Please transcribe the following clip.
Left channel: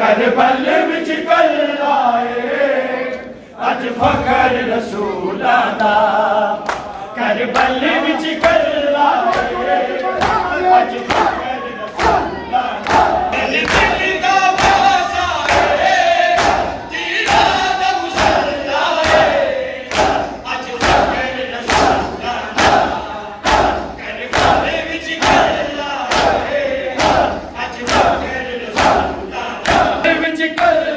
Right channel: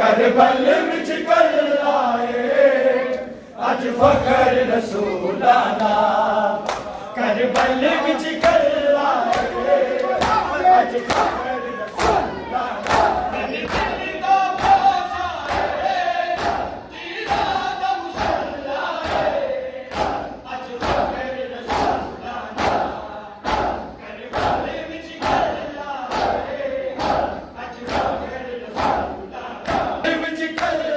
करबल विच कल आए अज फखर रसूला दा करबल विच कल आए अज फखर रसूला दा दिल दा बासा तीरा दा मुसल्ला अज फखर रसूला दा करबल विच कल आए अज फखर रसूला दा विच कल